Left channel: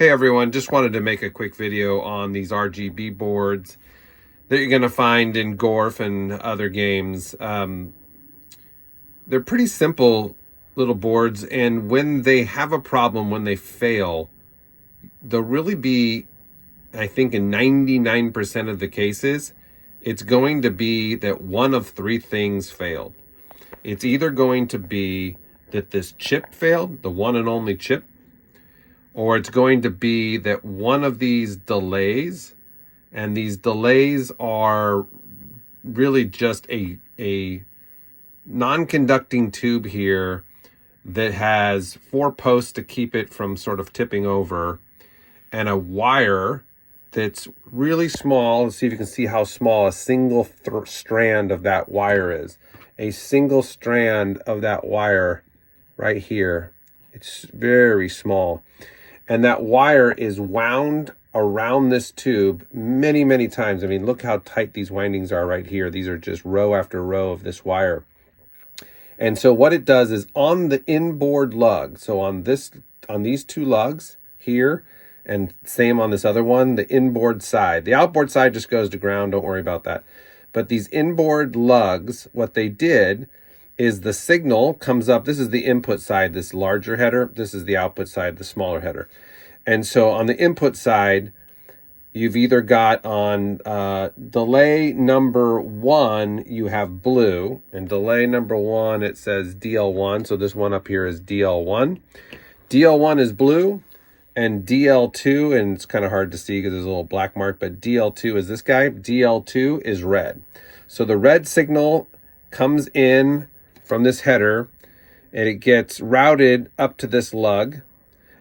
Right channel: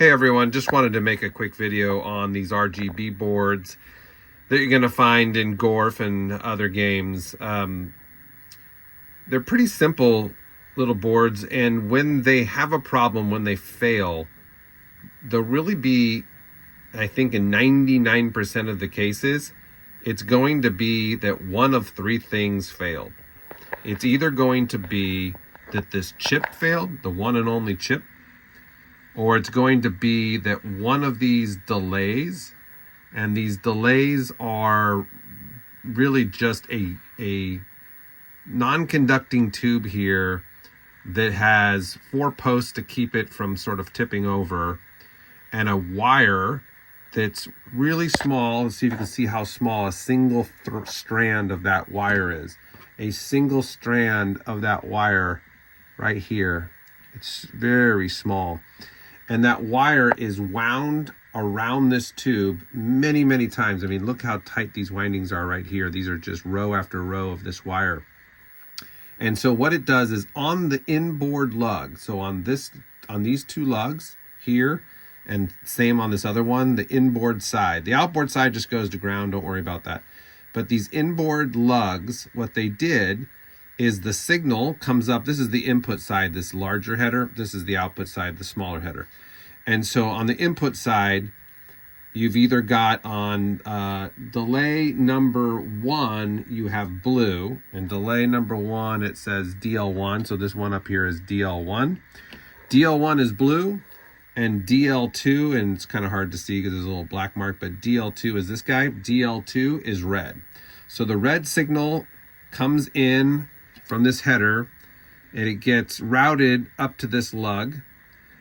Hey everyone, just wanted to make a quick video on these RGB boards that you're going to find in Gorf and other games. They're pretty simple little boards, and when they have a problem, when they fail, they'll really be, I think in 99% of the cases, it's going to be that one of three things failed. It's either going to be that this chip failed, the one and only chip, or it's going to be that one of these delays, and these delays are really just a non-conducting tube here that has 4 posts to keep it from sort of tipping over, and a wire that's really small. Let's see if you can see how small a single strand of that wire is. A single strand of that wire right here. It's very small. And that wire is wound around this tube many, many times. I mean, look how tight these windings are right here. These are just row after row of this wire. And so what it does is on the inboard lug, so on these 2 lugs here, and same on this other one, the inboard side. The outboard side just goes to ground, don't worry about that. But these inboard lugs, what they did is the signal comes up. This is the input side, this larger header. This is the output side, the smaller header. And so on the input side, you've either got on delay number 1, you have blue, and delay number 1, it says DL1. So this one up here is DL1. DL1 is blue, and DL2, and it's kind of hard to see because there's a little black mark, but DL2 is this guy. DL2 is red. So the red signal comes in from this header, and it gets routed up to this lug,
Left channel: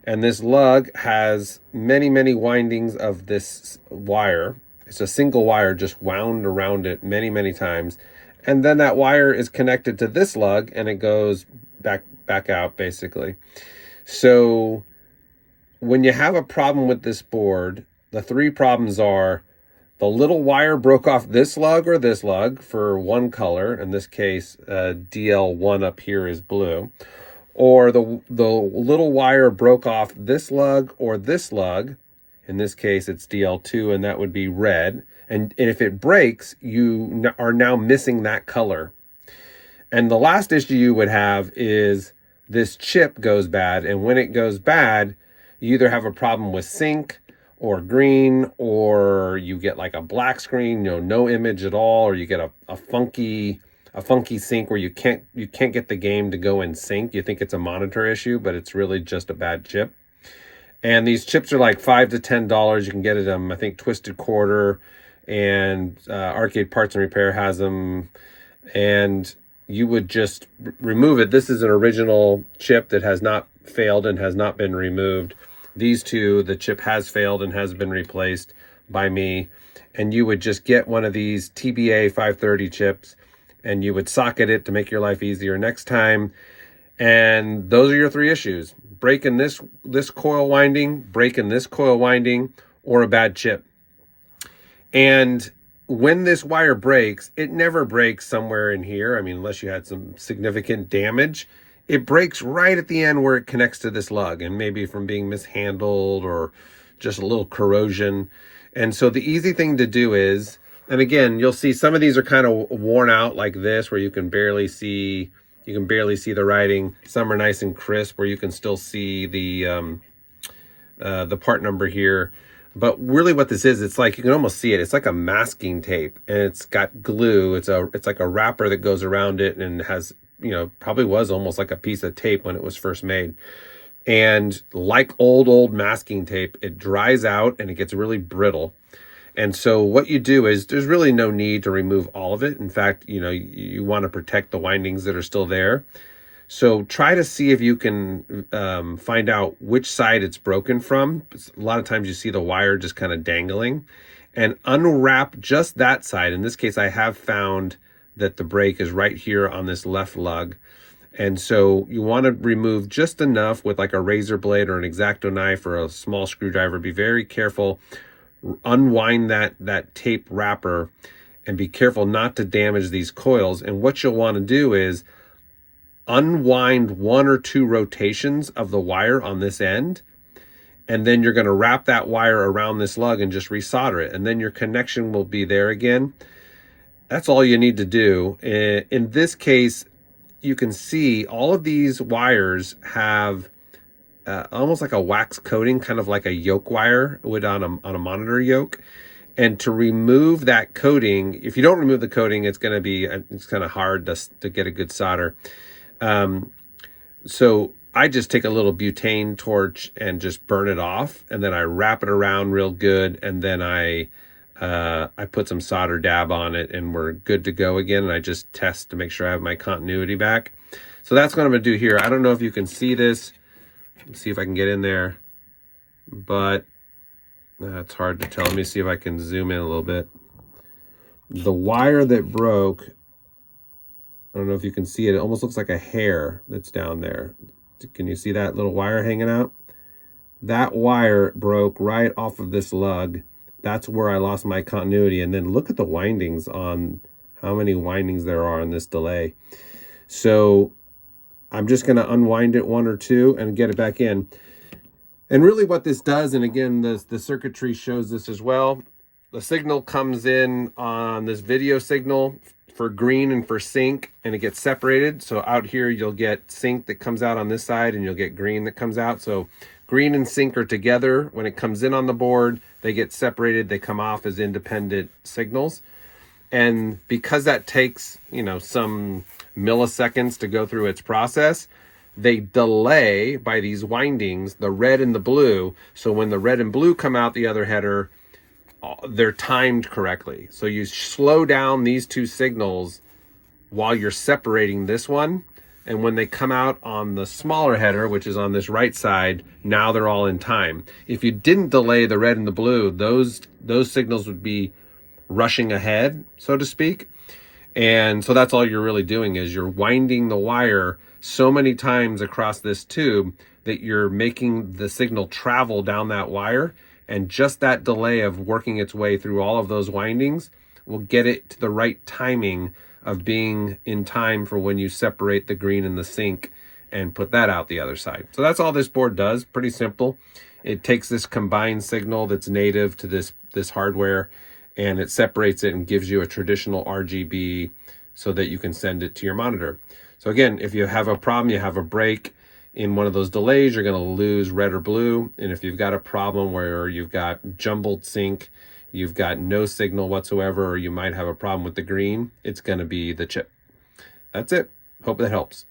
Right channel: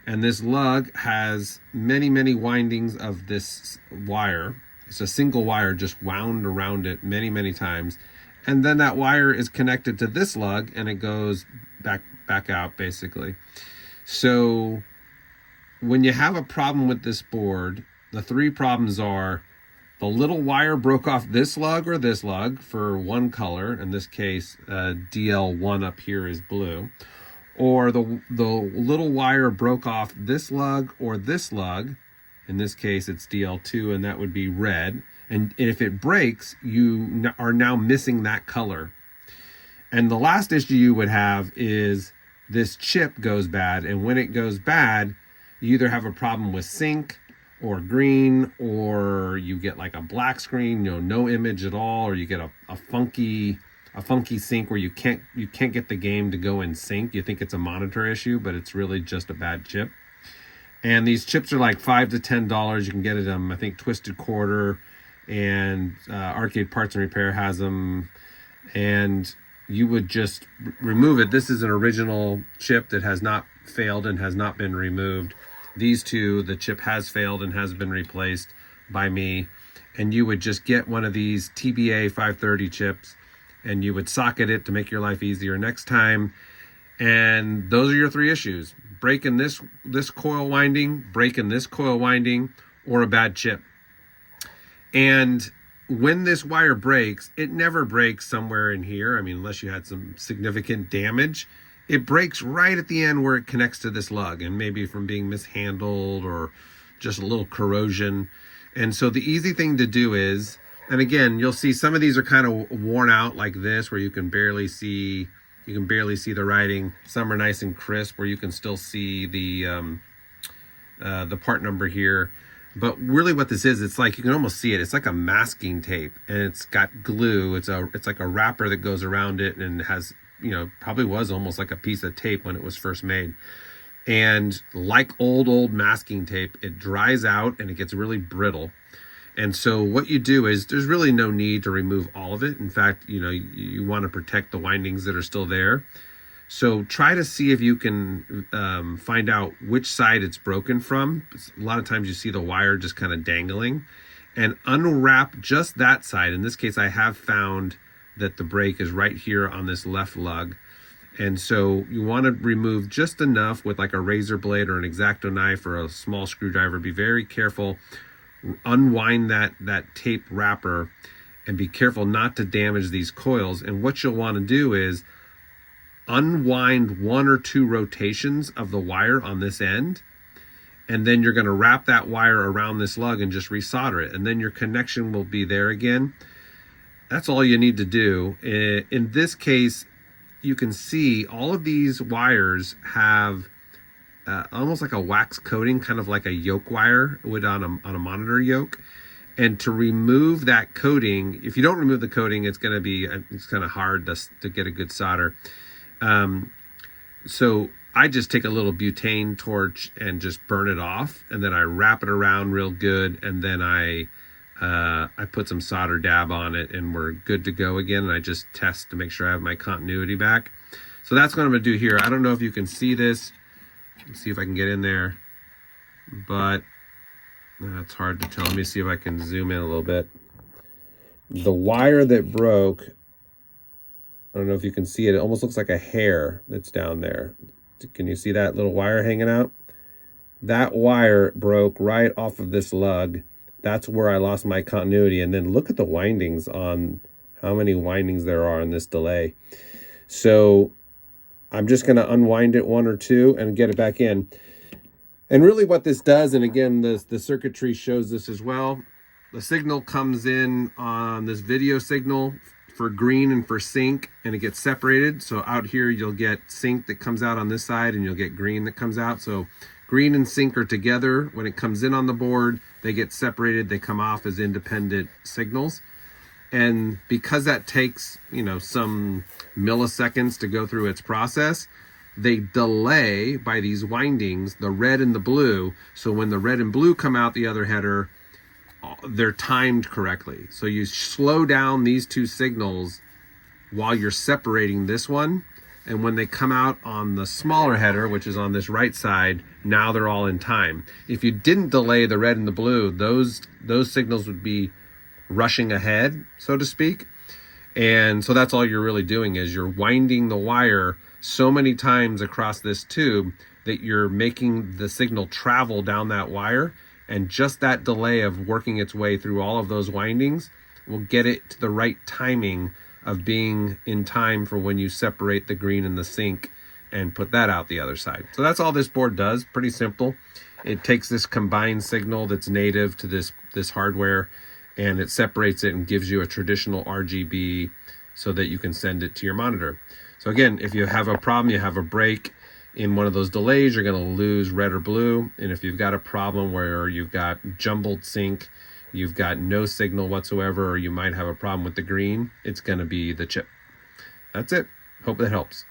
and this lug has many, many windings of this wire. It's a single wire just wound around it many, many times, and then that wire is connected to this lug, and it goes back out basically. So when you have a problem with this board, the 3 problems are: the little wire broke off this lug or this lug for one color. In this case, DL1 up here is blue. Or the little wire broke off this lug or this lug. In this case, it's DL2, and that would be red. And if it breaks, you are now missing that color. And the last issue you would have is this chip goes bad. And when it goes bad, you either have a problem with sync or green, or you get like a black screen, no image at all, or you get a funky sync where you can't get the game to go in sync. You think it's a monitor issue, but it's really just a bad chip. And these chips are like $5 to $10. You can get them, I think Twisted Quarter and Arcade Parts and Repair has them, and you would just remove it. This is an original chip that has not failed and has not been removed. These 2, the chip has failed and has been replaced by me. And you would just get one of these TBA 530 chips, and you would socket it to make your life easier next time. And those are your 3 issues: breaking this coil winding, breaking this coil winding, or a bad chip. And when this wire breaks, it never breaks somewhere in here. I mean, unless you had some significant damage. It breaks right at the end where it connects to this lug, and maybe from being mishandled or just a little corrosion. And so the easy thing to do is, and again, you'll see some of these are kind of worn out like this, where you can barely see the writing. Some are nice and crisp where you can still see the part number here. But really what this is, it's like, you can almost see it. It's like a masking tape, and it's got glue. It's like a wrapper that goes around it, and has, probably was almost like a piece of tape when it was first made. And like old masking tape, it dries out and it gets really brittle. And so what you do is, there's really no need to remove all of it. In fact, you want to protect the windings that are still there. So try to see if you can find out which side it's broken from. A lot of times you see the wire just kind of dangling, and unwrap just that side. In this case, I have found that the break is right here on this left lug. And so you want to remove just enough with like a razor blade or an X-Acto knife or a small screwdriver. Be very careful. Unwind that tape wrapper, and be careful not to damage these coils. And what you'll want to do is unwind 1 or 2 rotations of the wire on this end, and then you're going to wrap that wire around this lug and just resolder it, and then your connection will be there again. That's all you need to do. In this case, you can see all of these wires have almost like a wax coating, kind of like a yoke wire would on a monitor yoke. And to remove that coating, if you don't remove the coating, it's kind of hard to get a good solder. So I just take a little butane torch and just burn it off, and then I wrap it around real good, and then I put some solder dab on it, and we're good to go again. And I just test to make sure I have my continuity back. So that's what I'm going to do here. I don't know if you can see this. Let's see if I can get in there, but it's hard to tell. Let me see if I can zoom in a little bit. The wire that broke, I don't know if you can see it. It almost looks like a hair that's down there. Can you see that little wire hanging out? That wire broke right off of this lug. That's where I lost my continuity. And then look at the windings on how many windings there are in this delay. So I'm just going to unwind it one or two and get it back in. And really what this does, and again, the circuitry shows this as well, the signal comes in on this video signal for green and for sync, and it gets separated. So out here, you'll get sync that comes out on this side, and you'll get green that comes out. So green and sync are together. When it comes in on the board, they get separated. They come off as independent signals. And because that takes, some milliseconds to go through its process, they delay by these windings, the red and the blue. So when the red and blue come out the other header, they're timed correctly. So you slow down these two signals while you're separating this one. And when they come out on the smaller header, which is on this right side, now they're all in time. If you didn't delay the red and the blue, those signals would be rushing ahead, so to speak. And so that's all you're really doing, is you're winding the wire so many times across this tube that you're making the signal travel down that wire. And just that delay of working its way through all of those windings will get it to the right timing of being in time for when you separate the green and the sync and put that out the other side. So that's all this board does. Pretty simple. It takes this combined signal that's native to this hardware, and it separates it and gives you a traditional RGB so that you can send it to your monitor. So again, if you have a problem, you have a break in one of those delays, you're going to lose red or blue. And if you've got a problem where you've got jumbled sync, you've got no signal whatsoever, or you might have a problem with the green, it's going to be the chip. That's it. Hope that helps.